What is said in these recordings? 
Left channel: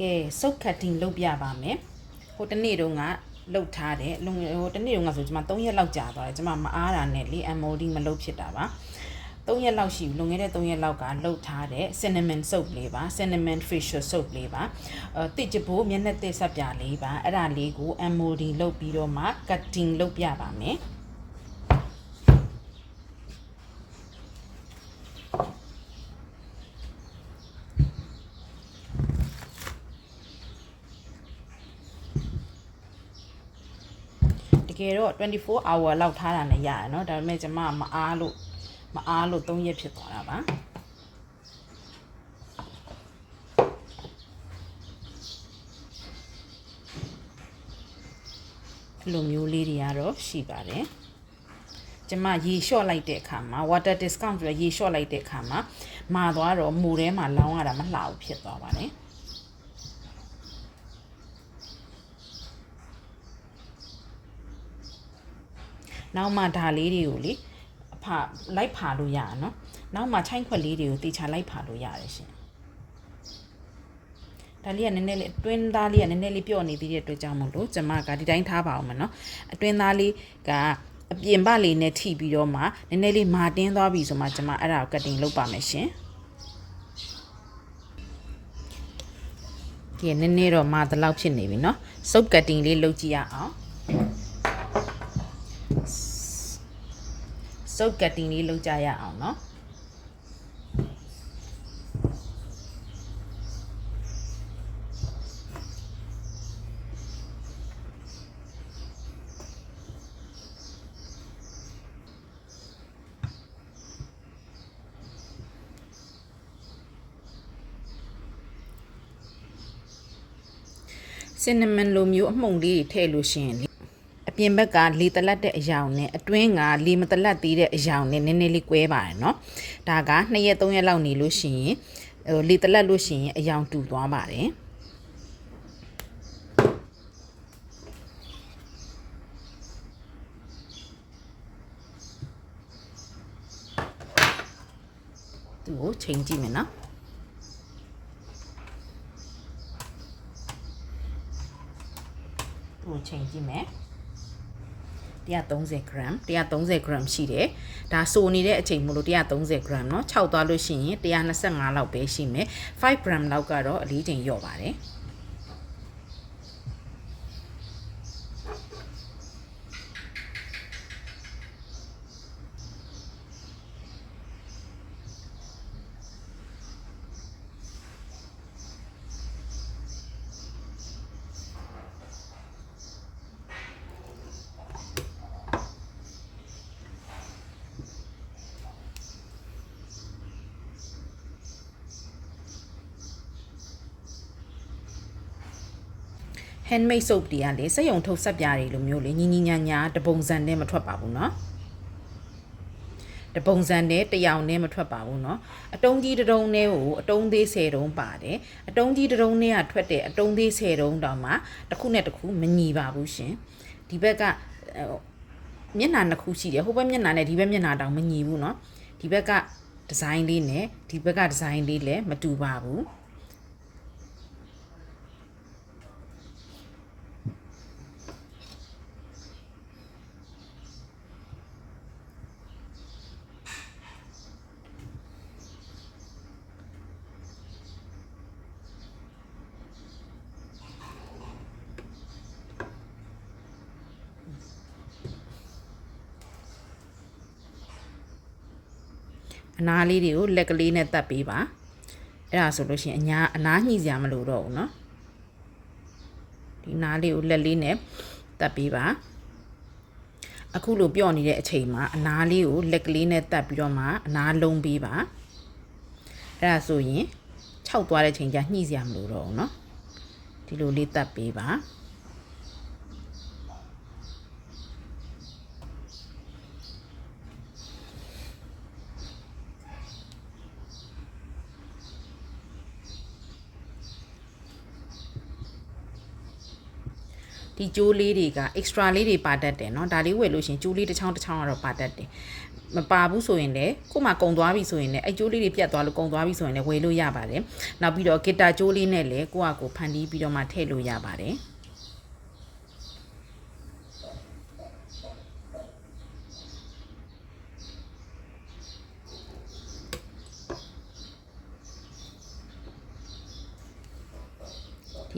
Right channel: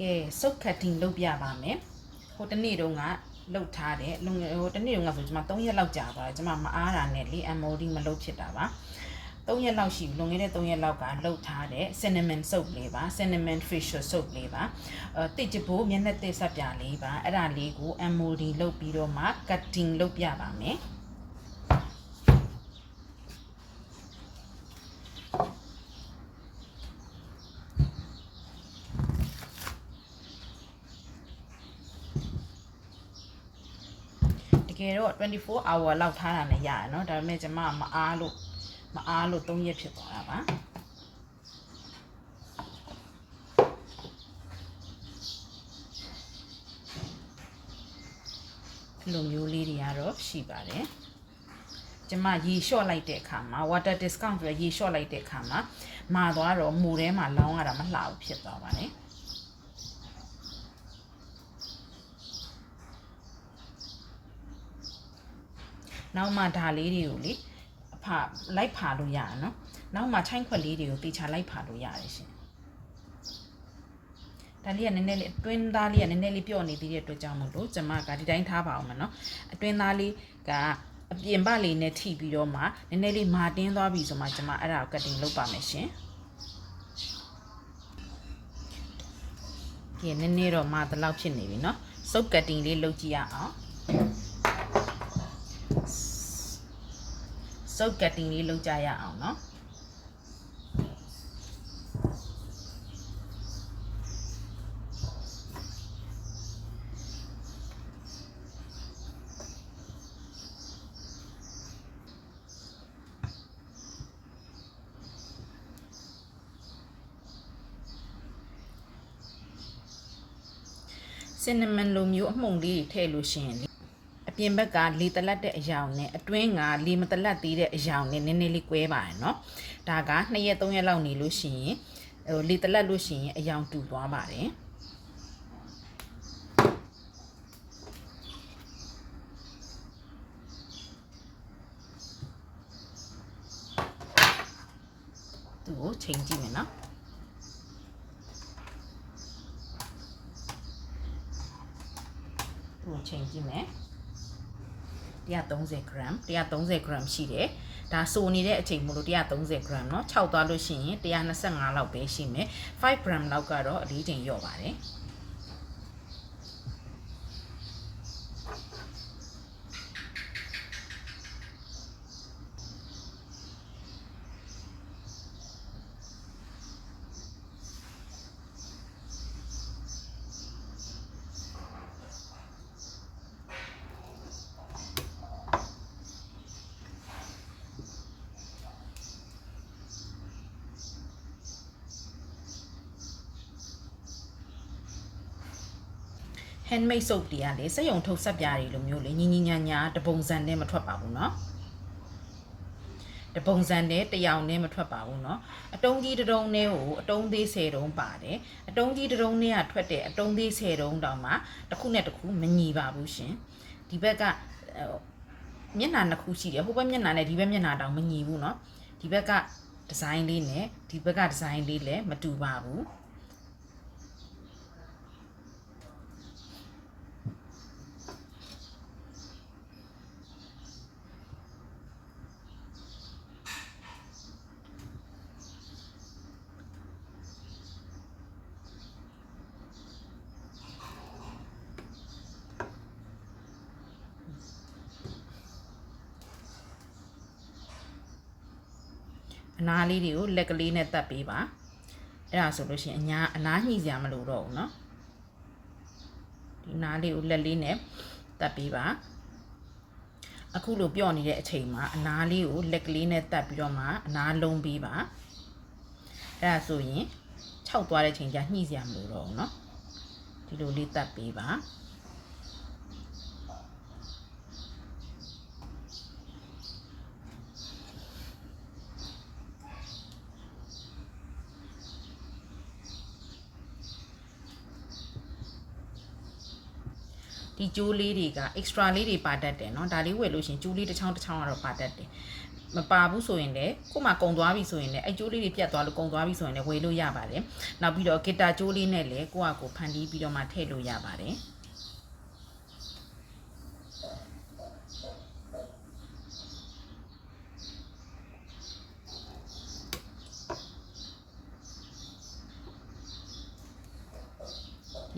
ကဲ soap cutting လုပ်ပြပါမယ်ဟိုတနေ့တုန်းကလှုပ်ထားတယ်လုံဟိုတနေ့တုန်းကဆိုကျွန်မ3ရက်လောက်ကြာသွားတယ်ကျွန်မမအားတာနဲ့လေ unmolding မလုပ်ဖြစ်တာပါ3ရက်လောက်ရှိပြီလွန်ခဲ့တဲ့3ရက်လောက်ကလှုပ်ထားတဲ့ cinnamon soap လေးပါ cinnamon facial soap လေးပါအဲတစ်ချပိုးမျက်နှာသစ်ဆက်ပြလေးပါအဲ့ဒါလေးကို unmolding လုပ်ပြီးတော့မှ cutting လုပ်ပြပါမယ် ယ်တော့24 hour လောက်ထားတာနဲ့ရတယ်เนาะဒါပေမဲ့ကျွန်မမအားလို့မအားလို့3ရက်ဖြစ်သွားတာပါဒီလိုမျိုးလေးတွေကတော့ရှိပါတယ်ကျွန်မရေလျှော့လိုက်တဲ့အခါမှာ water discount ဆိုရရေလျှော့လိုက်တဲ့အခါမှာမာသွားတော့မူထဲမှာလောင်းရတာမလှဘူးဖြစ်သွားပါတယ် နောက်မှဒါလေးတွေကိုလေအဖလိုက်ဖာလို့ရအောင်နော်နောက်မှချိုင်းခွက်လေးတွေကိုတေချာလိုက်ဖာလို့ရတယ်ရှင်ဒါလေးကနည်းနည်းလေးအတွင်းသားလေးကနည်းနည်းလေးပြော့နေသေးတဲ့အတွက်ကြောင့်မလို့ကျွန်မကဒီတိုင်းထားပါအောင်မနော်အတွင်းသားလေးကအပြင်ပလေးနဲ့ထိပြီးတော့မှနည်းနည်းလေးမာတင်းသွားပြီဆိုမှကျွန်မအဲ့ဒါကိုကတ်တင်လုပ်ပါမယ်ရှင်ဒီနည်းနည်းတော့မာတလောက်ဖြစ်နေပြီเนาะစုပ်ကတ်တင်လေးလုပ်ကြည့်ရအောင် စုပ်ကတ်တင်လေးလုပ်ကြရအောင်เนาะစင်နမန်လိုမျိုးအမှုန်လေးတွေထည့်လို့ရှိရင်လေအ ပြင်ဘက်ကလေတလက်တဲ့အယောင်နဲ့အတွင်းကလေမတလက်သေးတဲ့အယောင်နဲ့နည်းနည်းလေးကွဲပါတယ်เนาะဒါက2ရက်3ရက်လောက်နေလို့ရှိရင်ဟိုလေတလက်လို့ရှိရင်အယောင်တူသွားပါတယ်သူ့ကိုချိန်ကြည့်မယ်နော် သူ့ကိုချိန်ကြည့်မယ် 130 gram 130 gram ရှိတယ်ဒါဆိုနေတဲ့အချိန်မို့လို့130 gram เนาะ6သွားလို့ရှိရင်125လောက်ပဲရှိမယ်5 gram လောက်ကတော့အလေးချိန်လျော့ပါတယ် ဟန်မိတ်ဆုပ်တွေကလေစက်ယုံထုတ်ဆက်ပြားတွေလိုမျိုးလေညီညီညာညာတပုံစံနဲ့မထွက်ပါဘူးเนาะတပုံစံနဲ့တရောင်နဲ့မထွက်ပါဘူးเนาะအတုံးကြီးတစ်တုံးနဲ့ကိုအတုံးသေး10တုံးပါတယ်အတုံးကြီးတစ်တုံးနဲ့ကထွက်တဲ့အတုံးသေး10တုံးတောင်မှတစ်ခုနဲ့တစ်ခုမညီပါဘူးရှင်ဒီဘက်ကဟိုမျက်နှာနှစ်ခုရှိတယ်ဟိုဘက်မျက်နှာနဲ့ဒီဘက်မျက်နှာတောင်မညီဘူးเนาะဒီဘက်ကဒီဇိုင်းလေးနဲ့ဒီဘက်ကဒီဇိုင်းလေးလည်းမတူပါဘူး အနားလေးတွေကိုလက်ကလေးနဲ့တတ်ပေးပါအဲ့ဒါဆိုလို့ရှိရင်အညာအနားညှိစရာမလိုတော့ဘူးเนาะဒီနားလေးကိုလက်လေးနဲ့တတ်ပေးပါအခုလိုပြော့နေတဲ့အချိန်မှာအနားလေးကိုလက်ကလေးနဲ့တတ်ပြီးတော့မှအနားလုံးပေးပါအဲ့ဒါဆိုရင်ခြောက်သွားတဲ့ချိန်ကျညှိစရာမလိုတော့ဘူးเนาะဒီလိုလေးတတ်ပေးပါ ဒီကျိုးလေးတွေက extra လေးတွေပါတတ်တယ်เนาะဒါလေးဝယ်လို့ရှရင်ကျိုးလေးတစ်ချောင်းတစ်ချောင်းကတော့ပါတတ်တယ် မပါဘူးဆိုရင်လည်းကို့မှာကုံသွားပြီဆိုရင်လည်းအကျိုးလေးတွေပြတ်သွားလို့ကုံသွားပြီဆိုရင်လည်းဝယ်လို့ရပါတယ်နောက်ပြီးတော့ဂီတာကျိုးလေးနဲ့လည်းကိုယ့်အကိုဖန်တီးပြီးတော့မှထည့်လို့ရပါတယ်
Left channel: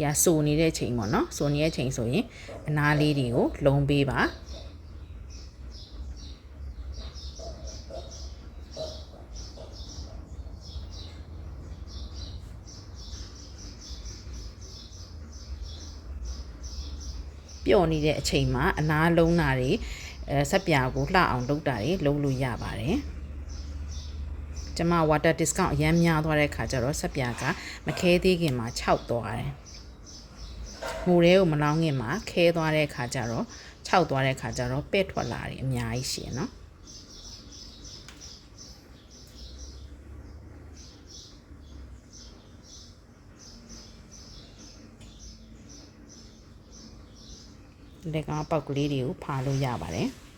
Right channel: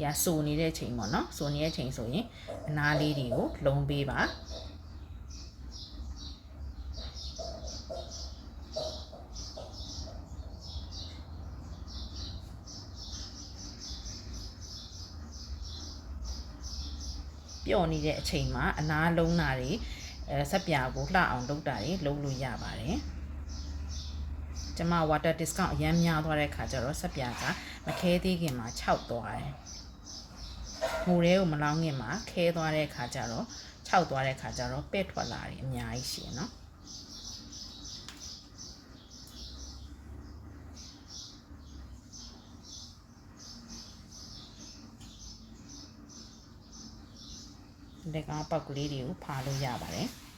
ဒီကစိုးနေတဲ့ချိန်ပေါ့နော်စိုးနေတဲ့ချိန်ဆိုရင်အနားလေးတွေကိုလုံးပေးပါပျော့နေတဲ့အချိန်မှာအနားလုံးတာတွေအဲဆက်ပြာကိုလှအောင်လုပ်တာတွေလုပ်လို့ရပါတယ်ကျမ water discount အရမ်းများသွားတဲ့ခါကျတော့ဆက်ပြာကမခဲသေးခင်မှာ6သွားတယ်။ ဟိုတဲကိုမလောင်းခင်မှာခဲသွားတဲ့ခါကျတော့6သွားတဲ့ခါကျတော့ပဲ့ထွက်လာတယ်အများကြီးရှင်နော်။လက်ကပေါက်ကလေးတွေကိုဖာလို့ရပါတယ်။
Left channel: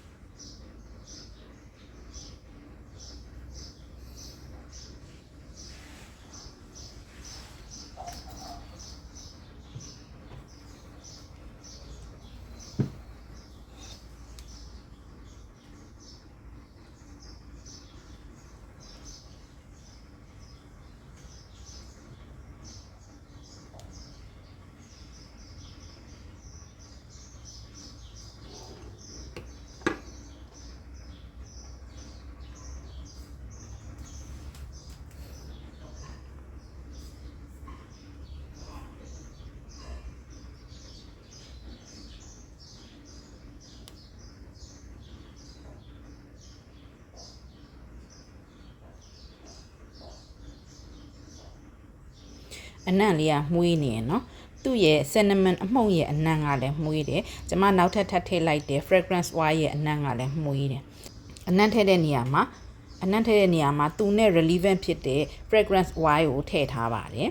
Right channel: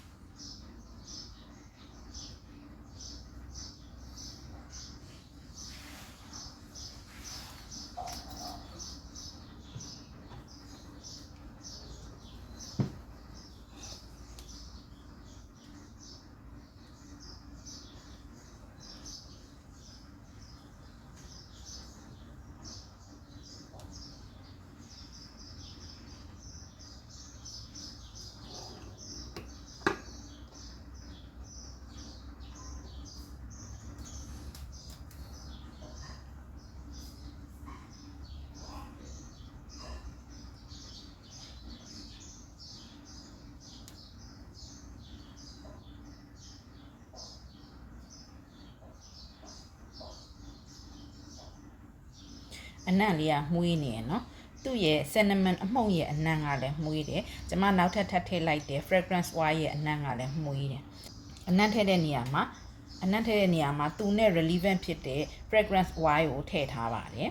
အနံ့လေးကမှုေးနေရယ်နော်သူ့ရဲ့ cinnamon အမှုန့်ရဲ့အနံ့ကလည်းမှုေးတယ်ကျမနောက်ထပ်ထပ်ထည့်လိုက်တယ် fragrance oil ရဲ့အနံ့ကလည်းမှုေးတယ်အနံ့ထည့်တဲ့နေရာမှာအနံ့ထည့်တဲ့နေရာမှာသူနဲ့ relevant ဖြစ်တဲ့ fragrance oil ကိုထည့်ထားပါတယ်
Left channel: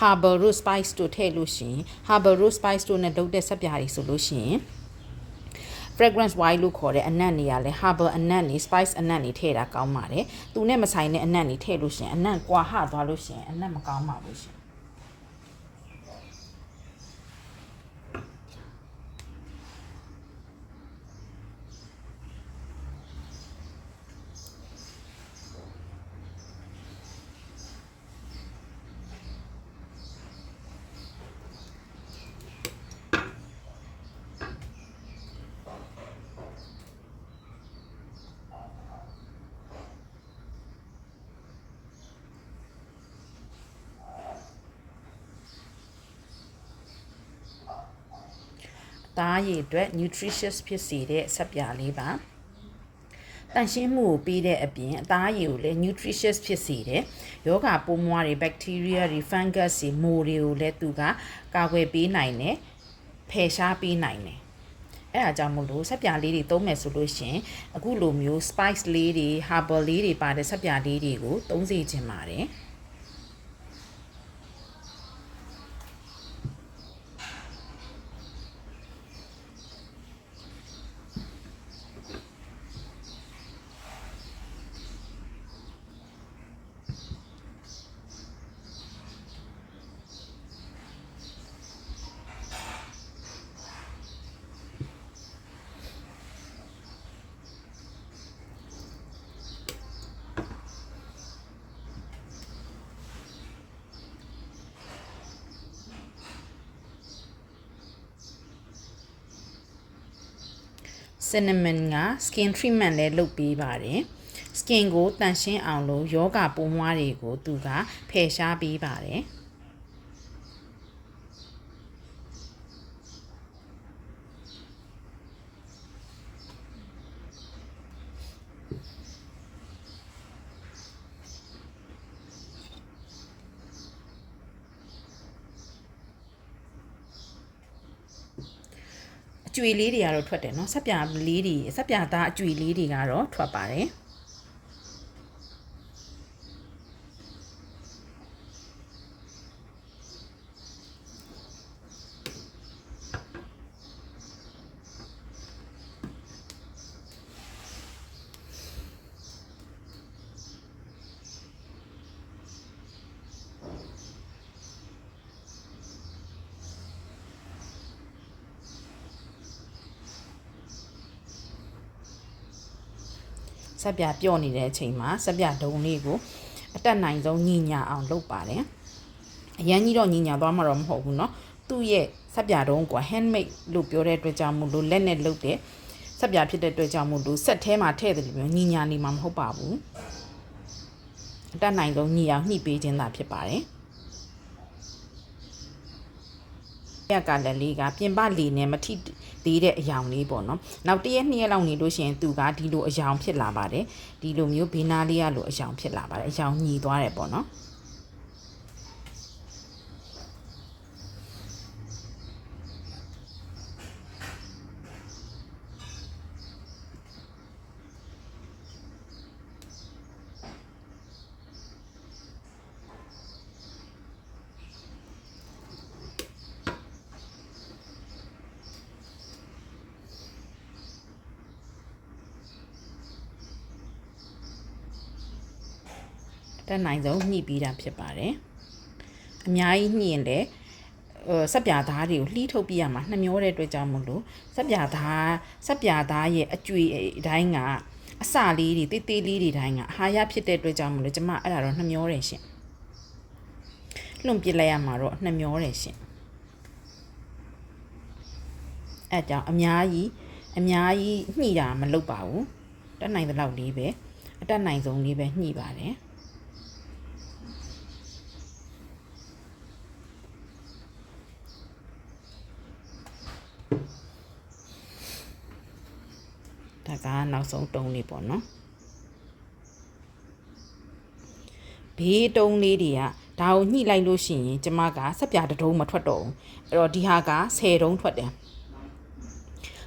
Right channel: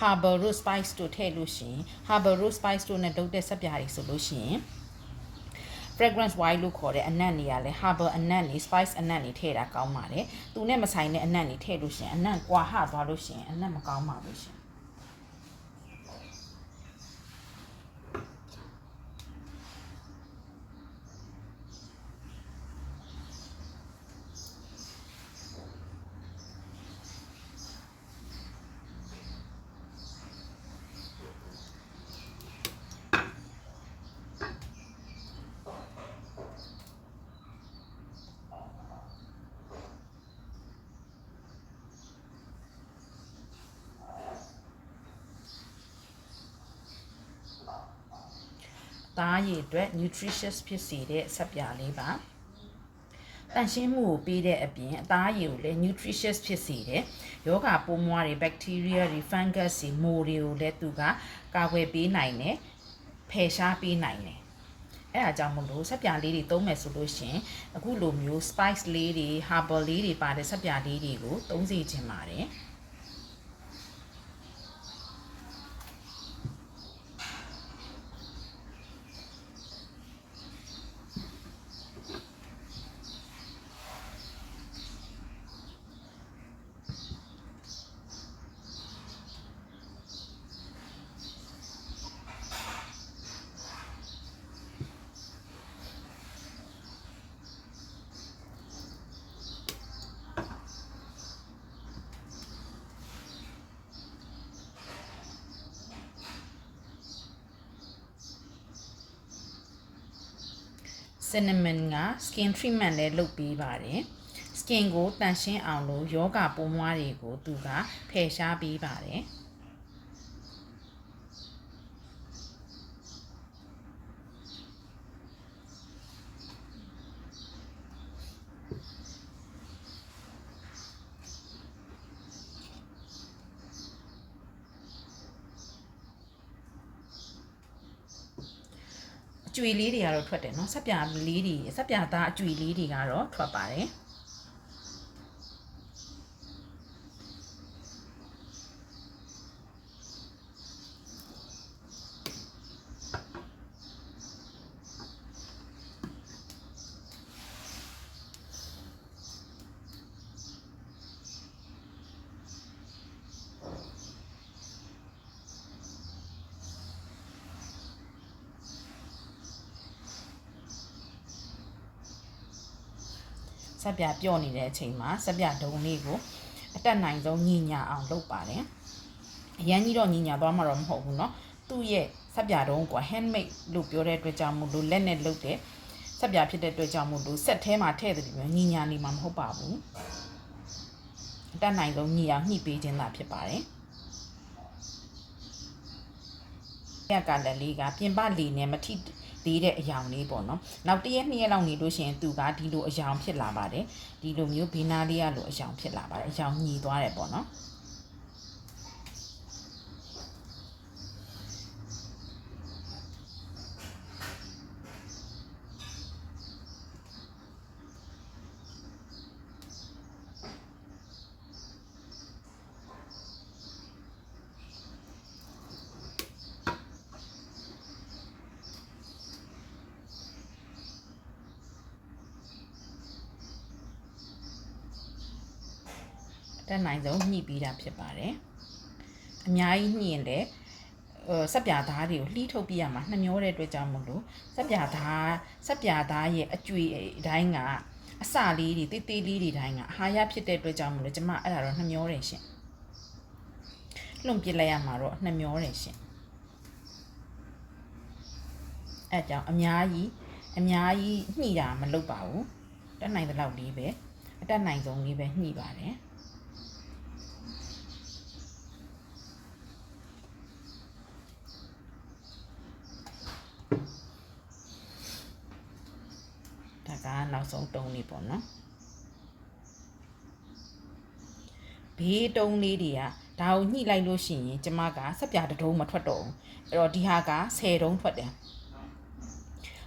Harbor Root Spice တို့ထည့်လို့ရှိရင် Harbor Root Spice တို့နဲ့ဒုတ်တဲ့ဆက်ပြားတွေဆိုလို့ရှိရင် fragrance wine လို့ခေါ်တဲ့အနံ့တွေကလည်း herbal အနံ့တွေ spice အနံ့တွေထည့်တာကောင်းပါတယ်။သူနဲ့မဆိုင်တဲ့အနံ့တွေထည့်လို့ရှိရင်အနံ့ကွာဟသွားလို့ရှိရင်အနံ့မကောင်းပါဘူးရှင်။ သားရည်အတွက် nutritious ဖြစ်စေတဲ့ဆက်ပြားလေးပါ။တန်ရှင်းမှုကိုပေးတဲ့အပြင်အသားရည်ကိုလည်း nutritious ဖြစ်စေတယ်။ယောဂပိုးမွားတွေ bacteria တွေ fungus တွေမိုးတွေကိုလည်းသူကကာကွယ်ပေးနိုင်တယ်။ဖယ်ရှားပေးနိုင်တယ်။အဲ့ဒါကြောင့်မို့လို့ဆက်ပြားလေးတွေသုံးမယ်ဆိုလို့ရှင်အခုလိုမျိုး spice လေးတွေ herbal လေးတွေပါတဲ့ဆက်ပြားလေးတွေကိုသုံးစေချင်ပါတယ်။ cinnamon က skin treatment လည်းလုပ်ပေးပါတယ် skin ကိုတန့်ရှင်းအောင်လို့ယောဂပိုးမွားတွေကိုသူကဖယ်ရှားပေးပါတယ် အကျွေလေးတွေကတော့ထွက်တယ်နော်ဆက်ပြာလေးတွေဆက်ပြာသားအကျွေလေးတွေကတော့ထွက်ပါတယ်။ ဆက်ပြပြော့နေတဲ့အချိန်မှာဆက်ပြဒုံလေးကိုအတက်နိုင်ဆုံးညီညာအောင်လုပ်ပါတယ်အရန်ကြီးတော့ညီညာသွားမှာတော့မဟုတ်ဘူးเนาะသူ့ရဲ့ဆက်ပြတုံးက handmade လို့ပြောတဲ့အတွက်ကြောင့်မို့လို့လက်နဲ့လုပ်တဲ့ဆက်ပြဖြစ်တဲ့အတွက်ကြောင့်မို့လို့ဆက်ထဲမှာထည့်တယ်လို့ညီညာနေမှာမဟုတ်ပါဘူးအတက်နိုင်ဆုံးညီအောင်ညှိပေးခြင်းသာဖြစ်ပါတယ်ရကလည်းလေးကပြင်ပလေနဲ့မထိ သေးတဲ့အယောင်လေးပေါ့နော်။နောက်တစ်ရက်နှစ်ရက်လောက်နေလို့ရှိရင်သူကဒီလိုအယောင်ဖြစ်လာပါတယ်။ဒီလိုမျိုးဘေးနားလေးရလိုအယောင်ဖြစ်လာပါတယ်။အယောင်ညီသွားတယ်ပေါ့နော်။ တက်နိုင်ဆုံးညှိပြီးတာဖြစ်ပါတယ်အများကြီးညှိရင်လည်းဟိုစက်ပြာသားတွေကိုလှီးထုတ်ပြရမှာနှမျောတဲ့အတွက်ကြောင့်မလို့စက်ပြာသားစက်ပြာသားရဲ့အကျွေအတိုင်းကအစလေးတွေတေးသေးလေးတွေတိုင်းကအဟာရဖြစ်တဲ့အတွက်ကြောင့်မလို့ကျမအဲ့ဒါတော့နှမျောတယ်ရှင်လွန်ပြလိုက်ရမှာတော့နှမျောတယ်ရှင်အဲ့ကြောင့်အများကြီးအများကြီးညှိတာမလုပ်ပါဘူးတက်နိုင်တဲ့လောက်လေးပဲအတက်နိုင်ဆုံးလေးပဲညှိပါတယ် ဒါက နောက်ဆုံးတုံးလေးပေါ့နော်ဘေးတုံးလေးတွေကဒါကိုညှိလိုက်လို့ရှိရင်ကျမကဆက်ပြတတုံးမထွက်တော့ဘူးအဲ့တော့ဒီဟာက10တုံးထွက်တယ်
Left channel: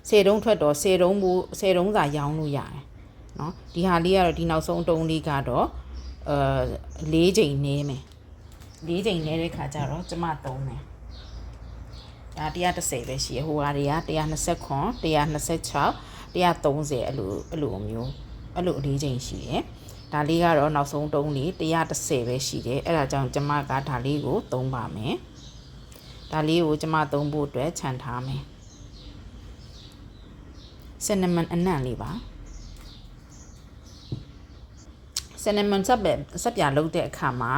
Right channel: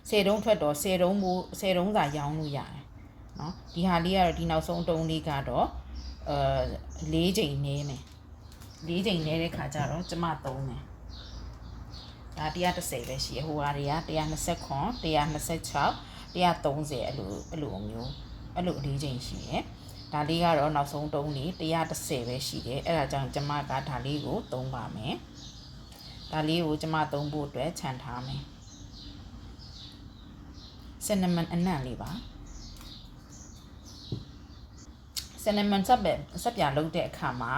10တုံးထွက်တော့10တုံးဘူး10တုံးစာရောင်းလို့ရတယ်နော်ဒီဟာလေးကတော့ဒီနောက်ဆုံးတုံးလေးကတော့အဲ၄ချိန်နေမယ်၄ချိန်နေတဲ့ခါကျတော့ကျမသုံးတယ်ဒါ130ပဲရှိရဟိုဟာတွေက129 126 130အဲ့လိုအဲ့လိုမျိုးအဲ့လိုအလေးချိန်ရှိတယ်ဒါလေးကတော့နောက်ဆုံးတုံးလေး130ပဲရှိတယ်အဲ့ဒါကြောင့်ကျမကဒါလေးကိုသုံးပါမယ်ဒါလေးကိုကျမသုံးဖို့အတွက်ခြံထားမယ်ဆင်နမန်အနံ့လေးပါဆင်နမန်ဆက်ပဲဆက်ပြလုံးတဲ့အခါမှာ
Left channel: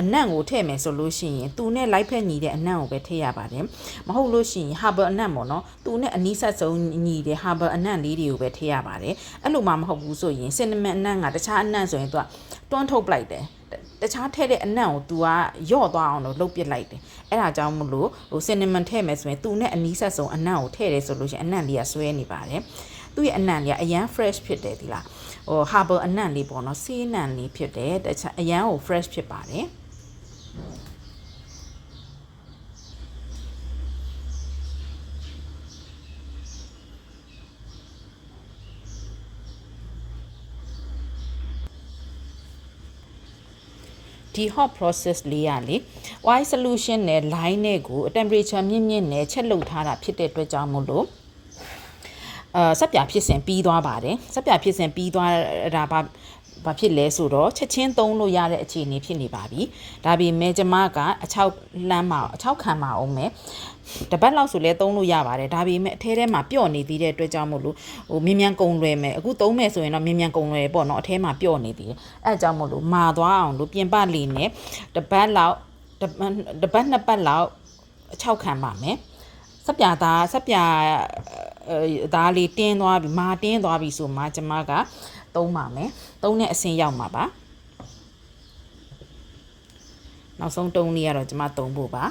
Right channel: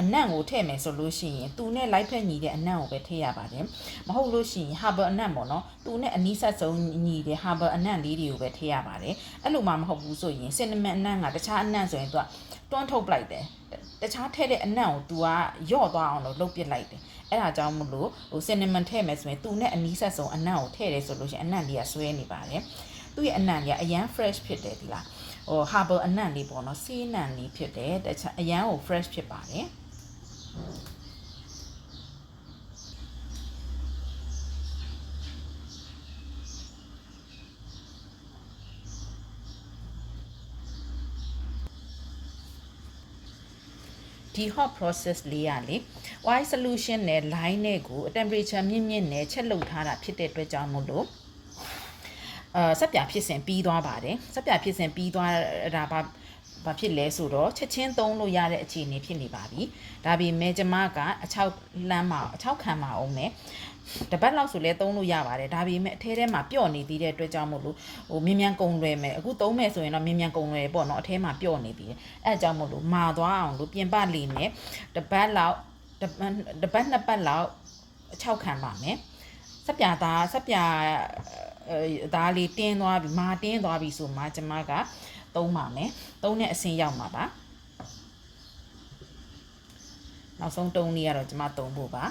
အနံ့ကိုထည့်မယ်ဆိုလို့ရှိရင်သူနဲ့လိုက်ဖက်ညီတဲ့အနံ့ကိုပဲထည့်ရပါတယ်မဟုတ်လို့ရှိရင် harbor အနံ့ပေါ့နော်သူနဲ့အနီးဆက်ဆုံးညီတဲ့ harbor အနံ့လေးတွေကိုပဲထည့်ရပါတယ်အဲ့လိုမှမဟုတ်ဘူးဆိုရင် cinnamon အနံ့ကတခြားအနံ့ဆိုရင်သူကတွန်းထုတ်ပလိုက်တယ်တခြားထည့်တဲ့အနံ့ကို तू ကယော့သွားအောင်လို့လှုပ်ပစ်လိုက်တယ်အဲ့ဒါကြောင့်မလို့ဟို cinnamon ထည့်မယ်ဆိုရင်သူနဲ့အနီးဆက်ဆုံးအနံ့ကိုထည့်တယ်ဆိုလို့ရှိရင်အနံ့လေးကဆွဲနေပါတယ်သူ့ရဲ့အနံ့လေးကအရန် fresh ဖြစ်တယ်ဒီလား ဟို harbor အနံ့လေးပေါ့နော်ဆေးနံ့လေးဖြစ်တယ်တခြားအရန်ကို fresh ဖြစ်ပါတယ်ဒီ hot process လေးရလေ white solution နဲ့ line နဲ့ကို temperature မြင့်မြင့်နဲ့ချက်လုပ်ထားတာဖြစ်တဲ့အတွက်ကြောင့်မို့လို့ အာစက်ပြဖြစ်စဉ်ပြီးသွားပါတယ်စက်ပြဖြစ်စဉ်ပြီးသွားတာဘာဘာဖြစ်လဲဆိုတော့ချက်ချင်းသုံးလို့ရတဲ့အခြေအနေဖြစ်နေပါပြီဒါပေမဲ့ကျမကအချောက်လမ်းမှာအချောက်ခံမှာအောင်မယ်တပတ်လောက်ဆိုလဲသုံးလို့ရပါတယ်ဒါပေမဲ့အထဲထဲမှာပျော့နေသေးတဲ့အတွက်ကြောင့်မို့လို့ဟိုမြ мян ကုံလွယ်မယ်အခုသုံးမယ်ဆိုရင်တော့မြ мян ကုံလွယ်ပေါ့နော်အထဲမှာပျော့နေသေးတယ်အဲအကြောင်းမို့လို့မာသွားအောင်လို့ပြင်ပလေးနဲ့တပတ်လောက်တပတ်တပတ်နှစ်ပတ်လောက်အချောက်ခံပါမယ် စပြသားစပြသားလေးတင်းသွားပြီမာတင်းသွားပြီဆိုမှကျမကသုံးပါမယ်သုံးတဲ့အဆင်းရောက်မှာပါနောက်ဆုံးတုံးလေးကတော့ကျမသုံးဖို့ပါ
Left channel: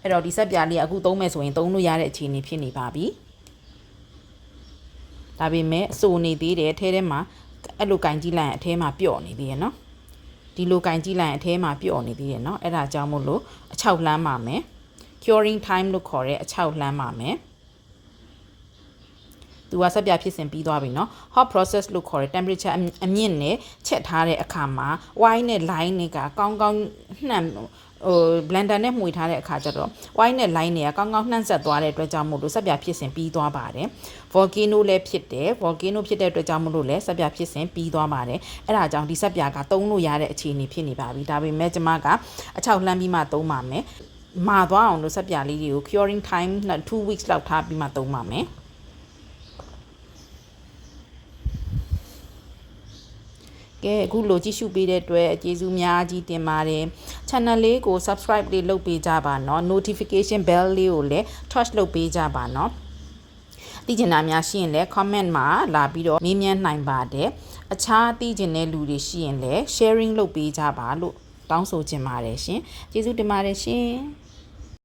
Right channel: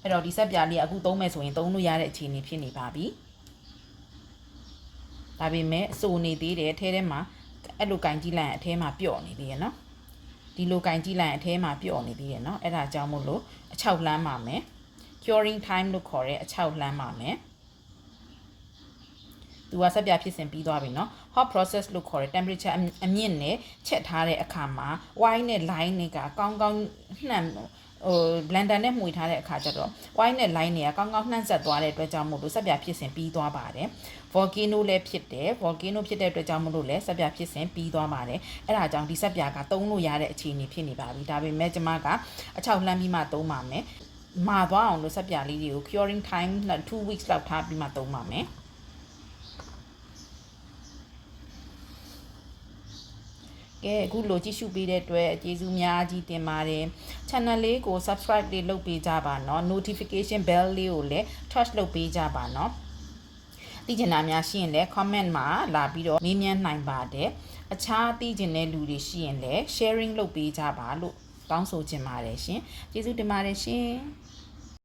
အဲ့တော့ဒီဆက်ပြလေးအခုသုံးမယ်ဆိုရင်သုံးလို့ရတဲ့အခြေအနေဖြစ်နေပါပြီဒါပေမဲ့အစိုးနေသေးတယ်အထဲထဲမှာအဲ့လိုကင်ကြည့်လိုက်ရင်အထဲမှာပျော့နေသေးရနော်ဒီလိုကင်ကြည့်လိုက်ရင်အထဲမှာပျော့နေသေးရနော်အဲ့ဒါကြောင့်မို့လို့အချောက်လှမ်းပါမယ် curing time လို့ခေါ်တဲ့အချောက်လှမ်းပါမယ်သူကဆက်ပြဖြစ်စဉ်ပြီးသွားပြီเนาะ hot process လို့ခေါ်တဲ့ temperature အမြင့်နဲ့ချက်ထားတဲ့အခါမှာ wine နဲ့ line တွေကကောင်းကောင်းနှံ့ဟို blender နဲ့မှွေထားတဲ့အခါကျတော့ wine နဲ့ line တွေကကောင်းကောင်းနှံ့ဆက်သွားတဲ့အတွက်ကြောင့်မို့လို့ဆက်ပြဖြစ်စဉ်ပြီးသွားပါတယ် volcano လည်းဖြစ်တယ် volcano ဖြစ်တဲ့အတွက်ကြောင့်မို့လို့လည်းဆက်ပြဖြစ်စဉ်ပြီးသွားပါတယ်အဲ့ဒါကြောင့်ဒီဆက်ပြကသုံးလို့ရတဲ့အခြေအနေဖြစ်နေပါပြီဒါပေမဲ့ကျွန်မကအချောက်လှမ်းပြီးမှသုံးပါမယ် မာသွားအောင်လို့ဆက်ပြလေးတွေကို curing time 2 weeks လောက်ထားပြီးမှသုံးပါမယ် ကဲအခုလိုကြည့်ရှုပေးတဲ့အတွက်ကျေးဇူးများကြီးတင်ပါတယ် channel လေးကို subscribe လေးလုပ်ပေးကြပါเนาะ notification bell လေးကိုလည်း touch လုပ်ပေးကြပါเนาะသိချင်တာများရှိရင်လည်း comment မှာလာပြီးတော့မေးမြန်းနိုင်ပါတယ်အခြားသိချင်တဲ့လူတွေရှိရင်လည်း sharing လုပ်ပေးကြပါလို့တောင်းဆိုချင်ပါတယ်ရှင်ကျေးဇူးတင်ပါတယ်ရှင်